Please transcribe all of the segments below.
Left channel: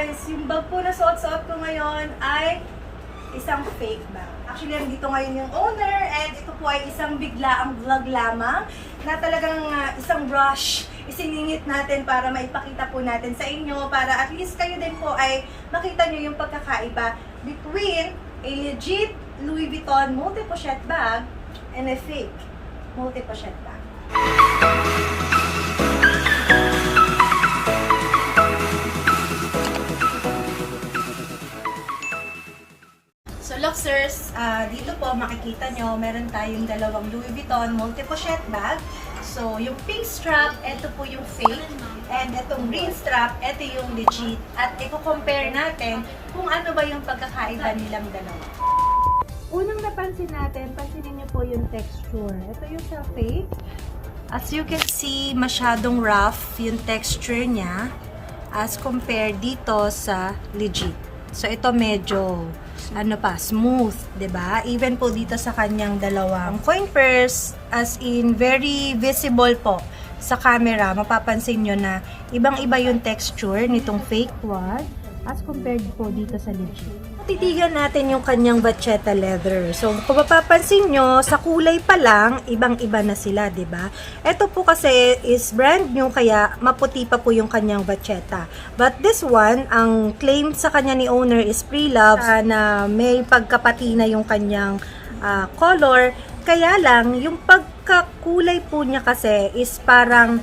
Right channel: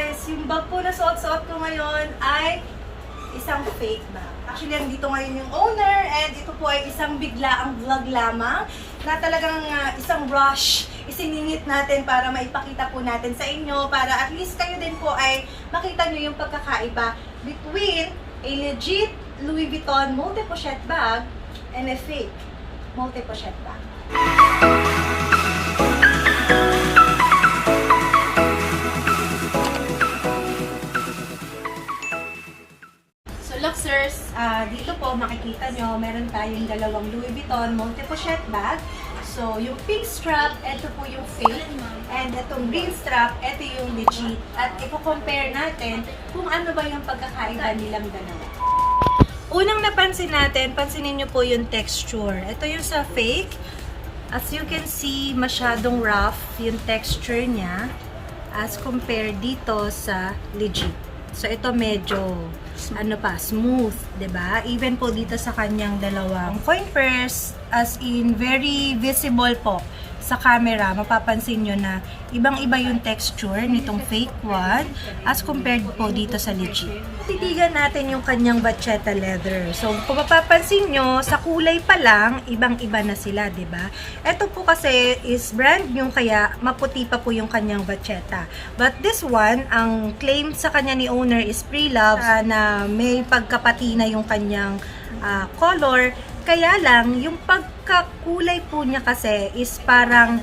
guys! Yung bag po na suot-suot ko ngayon ay isang fake bag. Actually, nandito ngayon yung owner and ito po ay isang biglaang vlog lamang na talagang isang rush isiningit natin para maipakita po natin sa inyo para at least kayo din po ay makita nyo yung pagkakaiba between a legit Louis Vuitton multi-pochette bag and a fake multi-pochette bag. So Luxers, dito po makikita nyo, meron tayong dalawang Louis Vuitton multi-pochette bag. So yung pink strap, ito po yung fake. And itong green strap, ito yung legit. At i-compare natin kung ano ba yung pagkakaiba nilang dalawa. Unang napansin natin, pansinin nyo po yung texture. Ito yung sa fake. As you can see, masyadong rough yung texture niya as compared dito sa legit. So ito medyo smooth, 'di ba? Even po dito sa kanyang dalawang coin purse, as in very visible po sa camera, mapapansin nyo na ibang-iba yung texture nitong fake one as compared po dito sa legit. Titigan natin yung kanyang vachetta leather. So, kung mapapansin nyo, sa kulay pa lang, ibang-iba na sila, di ba? Ito po kasi is brand new, kaya maputi pa po yung kanyang vachetta. But this one, ang claim sa kanya ni owner is pre-love na may pagkapatina yung kanyang color. Kaya lang, yung pagkakulay po niya kasi is parang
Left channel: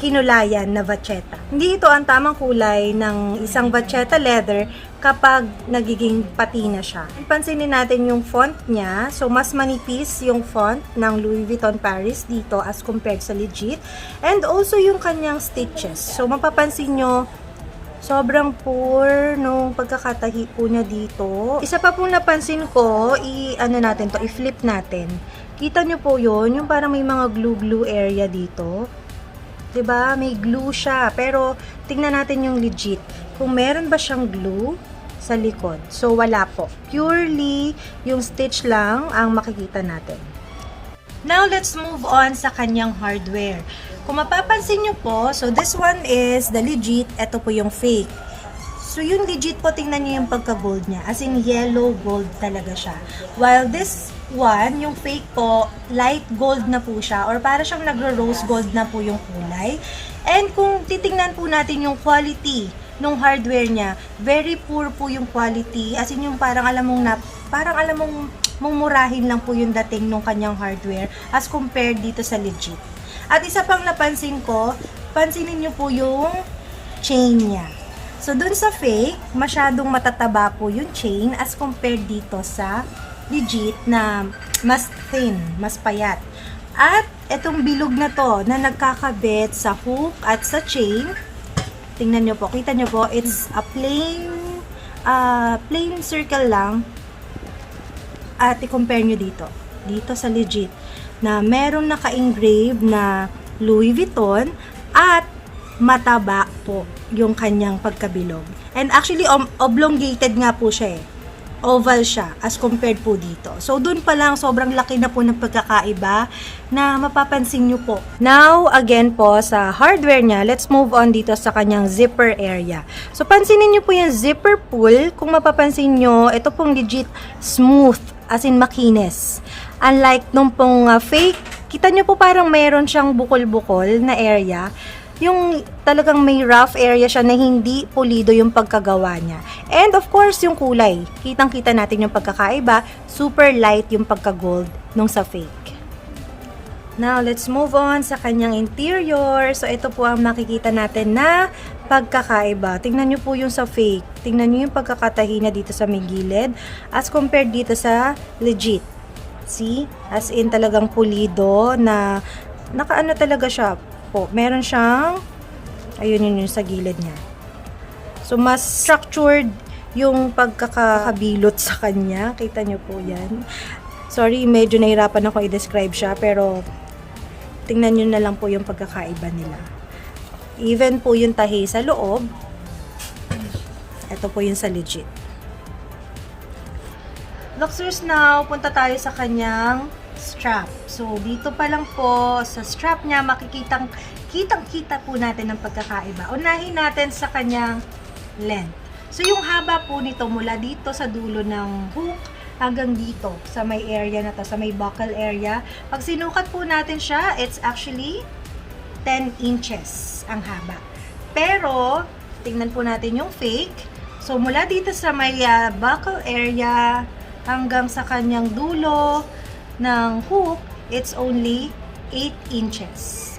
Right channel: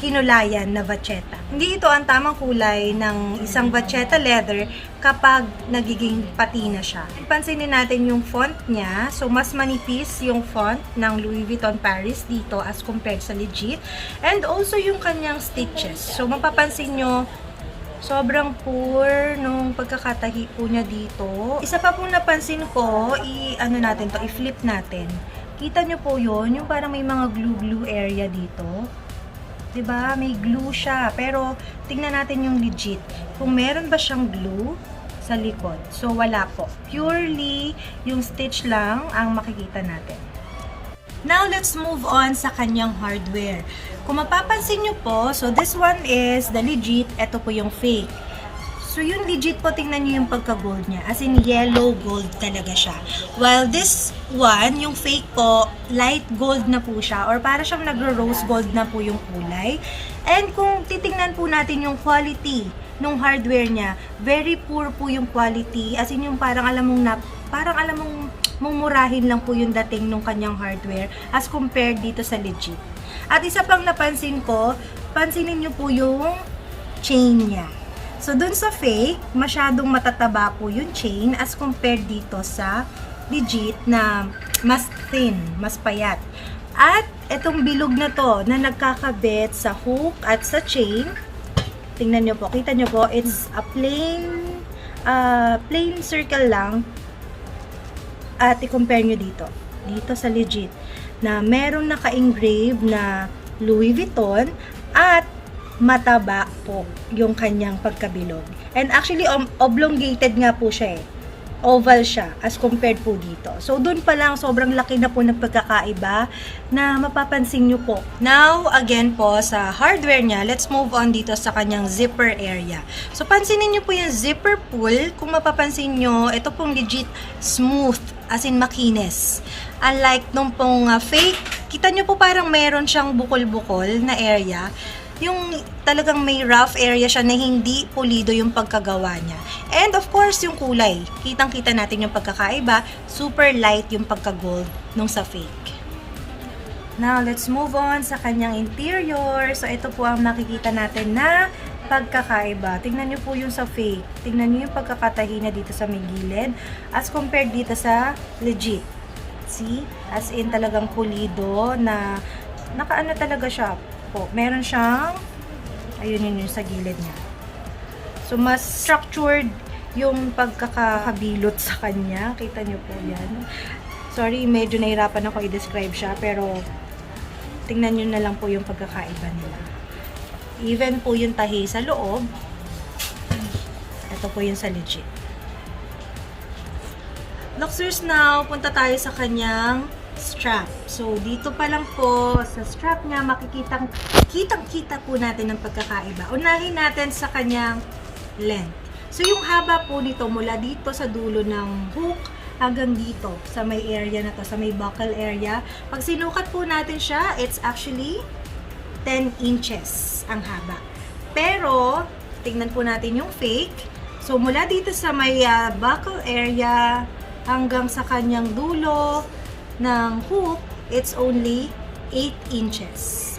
kinulayan na vachetta. Hindi ito ang tamang kulay ng isang vachetta leather kapag nagiging patina siya. Pansinin natin yung font niya. So, mas manipis yung font ng Louis Vuitton Paris dito as compared sa legit. And also yung kanyang stitches. So, mapapansin nyo, sobrang poor nung pagkakatahi po niya dito. Isa pa pong napansin ko, i-flip natin. Kita nyo po yun, yung parang may mga glue area dito. 'Di ba? May glue siya. Pero tingnan natin yung legit. Kung meron ba siyang glue sa likod. So wala po. Purely yung stitch lang ang makikita natin. Now let's move on sa kanyang hardware. Kung mapapansin nyo po, so this one is the legit, ito po yung fake. So yung legit po, tingnan nyo yung pagka-gold niya. As in yellow gold talaga siya. While this one, yung fake po, light gold na po siya or para siyang nagro-rose gold na po yung kulay. And kung titingnan po natin yung quality ng hardware niya, very poor po yung quality. As in yung parang alam mong mumurahin lang po yung dating ng kanyang hardware as compared dito sa legit. At isa pang napansin ko, pansinin nyo po yung chain niya. So, dun sa fake, masyadong matataba po yung chain as compared dito sa legit na mas thin, mas payat. At itong bilog na to na nagkakabit sa hook at sa chain, tingnan nyo po, kita nyo po, it's a plain circle lang. At i-compare nyo dito sa legit, na meron naka-engrave na Louis Vuitton at mataba po yung kanyang pagkabilog. And actually, oblongated nga po siya eh. Oval siya as compared po dito. So, dun pa lang, sobrang laki na po ng pagkakaiba na mapapansin nyo po. Now, again po, sa hardware niya, let's move on dito sa kanyang zipper area. So, pansinin nyo po yung zipper pull. Kung mapapansin nyo, ito pong legit smooth, as in makinis. Unlike nung pong fake, kita nyo po parang mayroon siyang bukol-bukol na area. Yung talagang may rough area siya na hindi pulido yung pagkagawa niya. And of course, yung kulay. Kitang-kita natin yung pagkakaiba. Super light yung pagka-gold nung sa fake. Now, let's move on sa kanyang interior. So, ito po ang makikita natin na pagkakaiba. Tingnan nyo po yung sa fake. Tingnan nyo yung pagkakatahi na dito sa may gilid as compared dito sa legit. See? As in talagang pulido na nakaano talaga siya po. Meron siyang ayun yung sa gilid niya. So, mas structured yung pagkakabilot sa kanya. Kita nyo po yan. Sorry, medyo nahirapan ako i-describe siya pero tingnan nyo na lang po yung pagkakaiba nila. Even po yung tahi sa loob. Ito po yung sa legit. Luxers, now, punta tayo sa kanyang strap. So, dito pa lang po sa strap niya, kitang-kita po natin ang pagkakaiba. Unahin natin sa kanyang length. So yung haba po nito mula dito sa dulo ng hook hanggang dito sa may area na to, sa may buckle area. Pag sinukat po natin siya, it's actually 10 inches ang haba. Pero, tingnan po natin yung fake. So, mula dito sa may buckle area hanggang sa kanyang dulo ng hook, it's only 8 inches.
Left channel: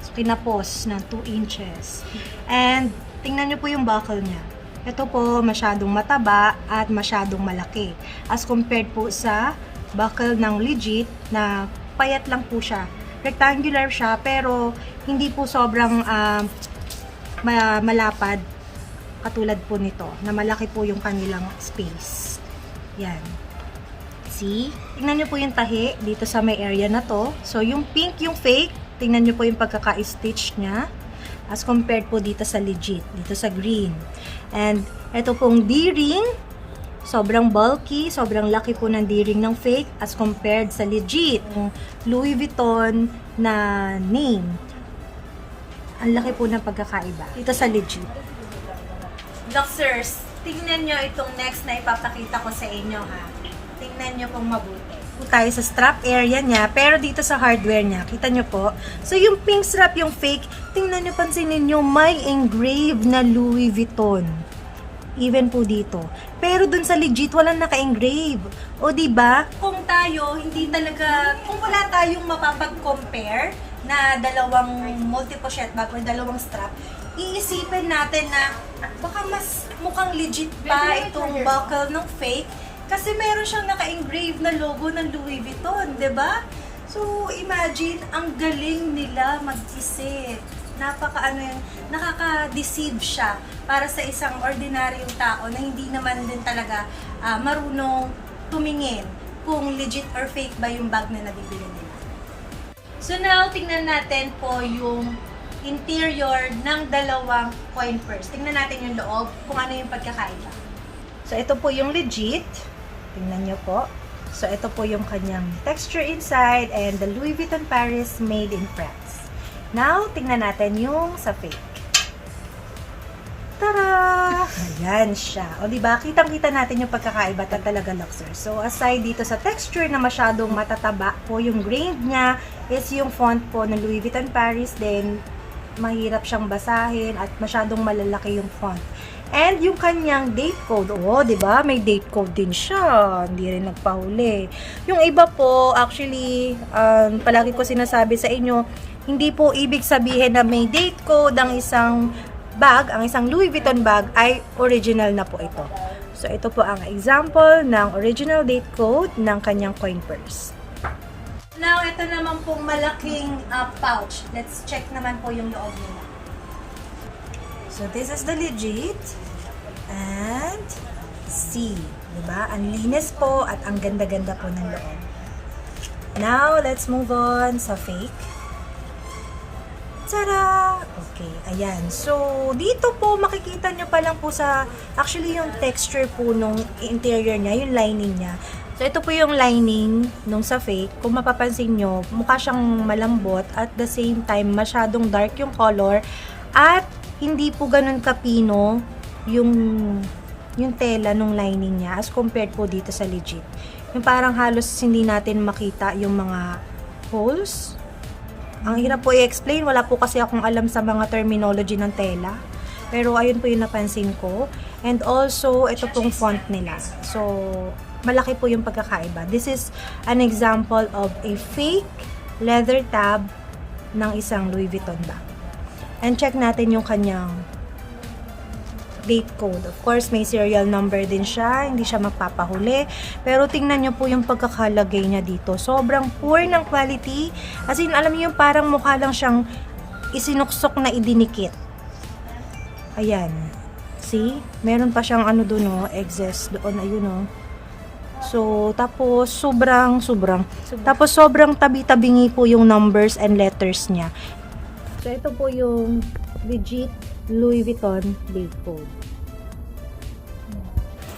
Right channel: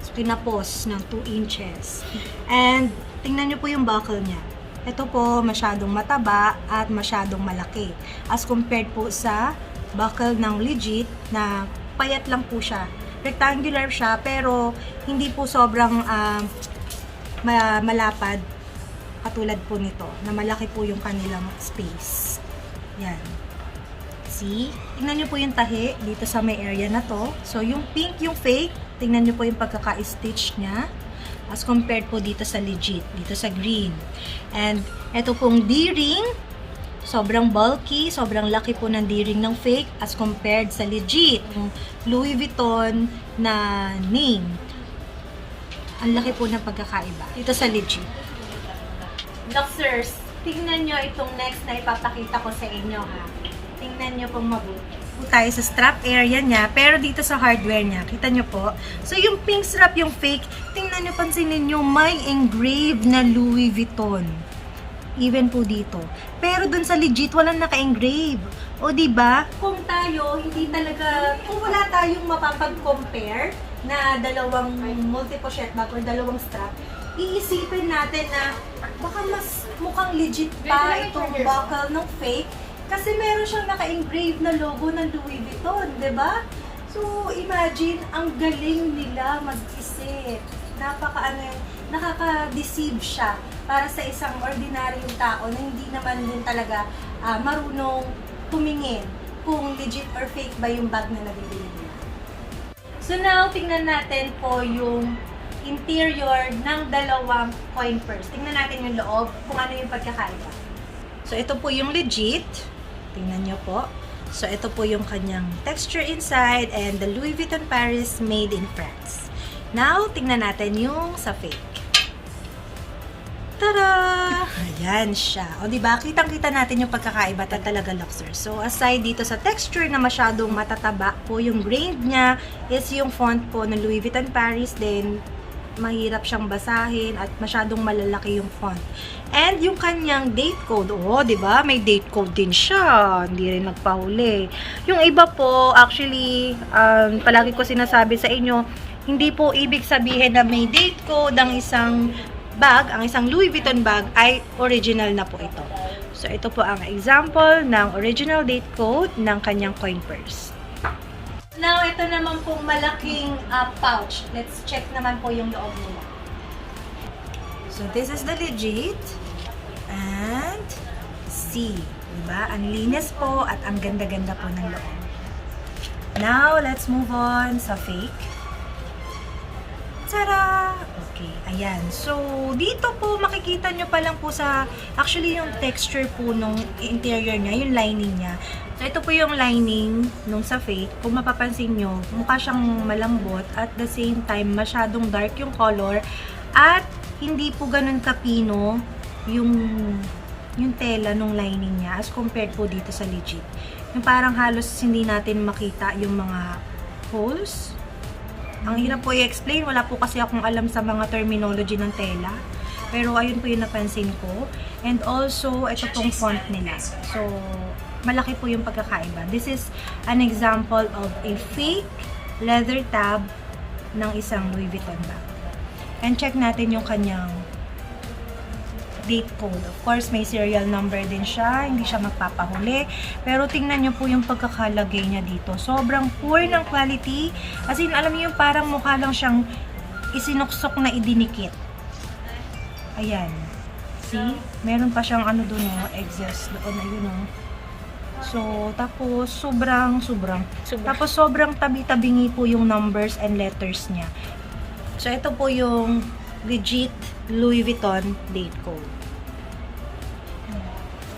So, kinapos ng 2 inches. And, tingnan nyo po yung buckle niya. Ito po, masyadong mataba at masyadong malaki. As compared po sa buckle ng legit na payat lang po siya. Rectangular siya, pero hindi po sobrang malapad katulad po nito, na malaki po yung kanilang space. Yan. See? Tingnan nyo po yung tahi dito sa may area na to. So, yung pink, yung fake, tingnan nyo po yung pagkaka-stitch niya as compared po dito sa legit, dito sa green. And, ito pong D-ring, sobrang bulky, sobrang laki po ng D-ring ng fake as compared sa legit, yung Louis Vuitton na name. Ang laki po ng pagkakaiba dito sa legit. Luxers, tingnan nyo itong next na ipapakita ko sa inyo ha. Tingnan nyo pong mabuti. Tayo sa strap area niya, pero dito sa hardware niya, kita nyo po. So, yung pink strap, yung fake, tingnan nyo, pansinin nyo, may engraved na Louis Vuitton. Even po dito. Pero dun sa legit, walang naka-engrave. O, diba? Kung tayo, hindi talaga, kung wala tayong mapapag-compare na dalawang multi-pochette bag or dalawang strap, iisipin natin na baka mas mukhang legit pa itong buckle ng fake. Kasi meron siyang naka-engrave na logo ng Louis Vuitton, 'di ba? So, imagine, ang galing nila mag-isip. Nakaka-deceive siya para sa isang ordinaryong tao na hindi naman din talaga marunong tumingin kung legit or fake ba yung bag na nabibili nila. So now, tingnan natin po yung interior ng dalawang coin purse. Tingnan natin yung loob, kung ano yung pagkakaiba. So, ito po yung legit. Tingnan nyo po. So, ito po yung kanyang texture inside and the Louis Vuitton Paris made in France. Now, tingnan natin yung sa fake. Tada! Ayan siya. O, diba? Kitang-kita natin yung pagkakaiba talaga, Luxer. So, aside dito sa texture na masyadong matataba po, yung grain niya is yung font po ng Louis Vuitton Paris. Then, mahirap siyang basahin at masyadong malalaki yung font. And yung kanyang date code, diba? May date code din siya. Hindi rin nagpahuli. Yung iba po, actually, palagi ko sinasabi sa inyo, hindi po ibig sabihin na may date code ang isang bag, ang isang Louis Vuitton bag ay original na po ito. So, ito po ang example ng original date code ng kanyang coin purse. Now, ito naman pong malaking pouch. Let's check naman po yung loob nila. So, this is the legit. And, see. Diba? Ang linis po at ang ganda-ganda po ng loob. Now, let's move on sa fake. Tara! Okay, ayan. So, dito po, makikita nyo pa lang po sa, actually, yung texture po nung interior niya, yung lining niya. So, ito po yung lining nung sa fake. Kung mapapansin nyo, mukha siyang malambot at the same time, masyadong dark yung color at hindi po ganun kapino yung tela nung lining niya as compared po dito sa legit. Yung parang halos hindi natin makita yung mga holes. Ang hirap po i-explain, wala po kasi akong alam sa mga terminology ng tela. Pero ayun po yung napansin ko. And also, ito pong font nila. So, malaki po yung pagkakaiba. This is an example of a fake leather tab ng isang Louis Vuitton bag. And check natin yung kanyang date code. Of course, may serial number din siya. Hindi siya magpapahuli. Pero tingnan nyo po yung pagkakalagay niya dito. Sobrang poor ng quality. As in, alam niyo yung parang mukha lang siyang isinuksok na idinikit. Ayan. See? Meron pa siyang ano doon, excess doon. Ayun, So, tapos sobrang tapos sobrang tabi-tabingi po yung numbers and letters niya. So, ito po yung legit Louis Vuitton date code.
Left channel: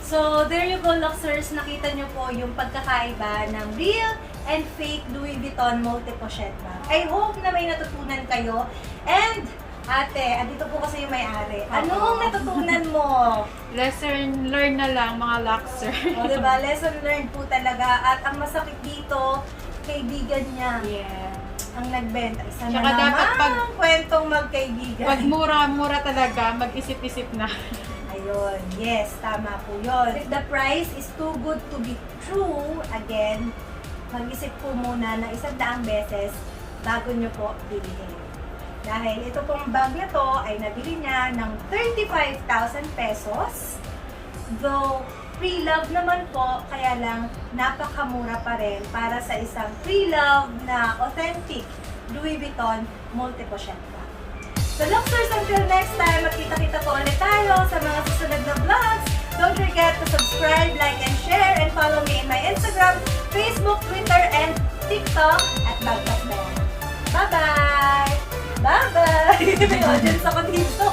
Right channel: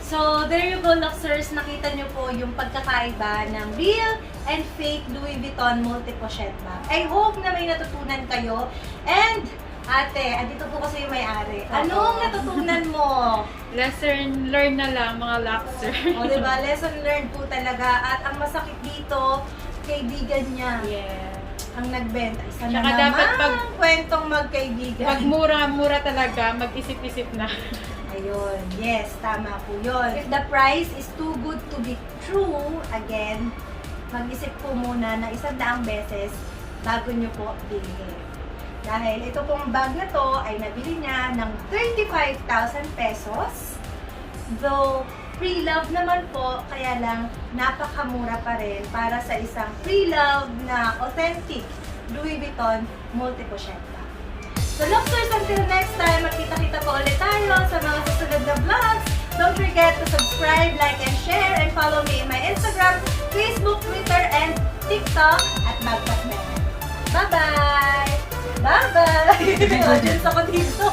So, there you go, Luxers. Nakita nyo po yung pagkakaiba ng real and fake Louis Vuitton multi-pochette bag. I hope na may natutunan kayo. And, ate, andito po kasi yung may-ari. Anong natutunan mo Oh. Lesson learn na lang mga Luxer. O, diba? Lesson learned po talaga. At ang masakit dito, kaibigan niya Yeah. ang nagbenta. Isa na Tsaka naman dapat kwentong magkaibigan. Pag mura-mura talaga, mag-isip-isip na. Ayun, yes, tama po yun. If the price is too good to be true, again, mag-isip po muna na 100 beses bago nyo po bilhin. Dahil ito pong bag na to ay nabili niya ng 35,000 pesos. Though, pre-love naman po, kaya lang napakamura pa rin para sa isang pre-love na authentic Louis Vuitton multi-pochette bag. So, Luxers, until next time, magkita-kita po ulit tayo sa mga susunod na vlogs. Don't forget to subscribe, like, and share, and follow me in my Instagram, Facebook, Twitter, and TikTok at Bagpatman. Bye-bye! Bye-bye! Audience ako dito.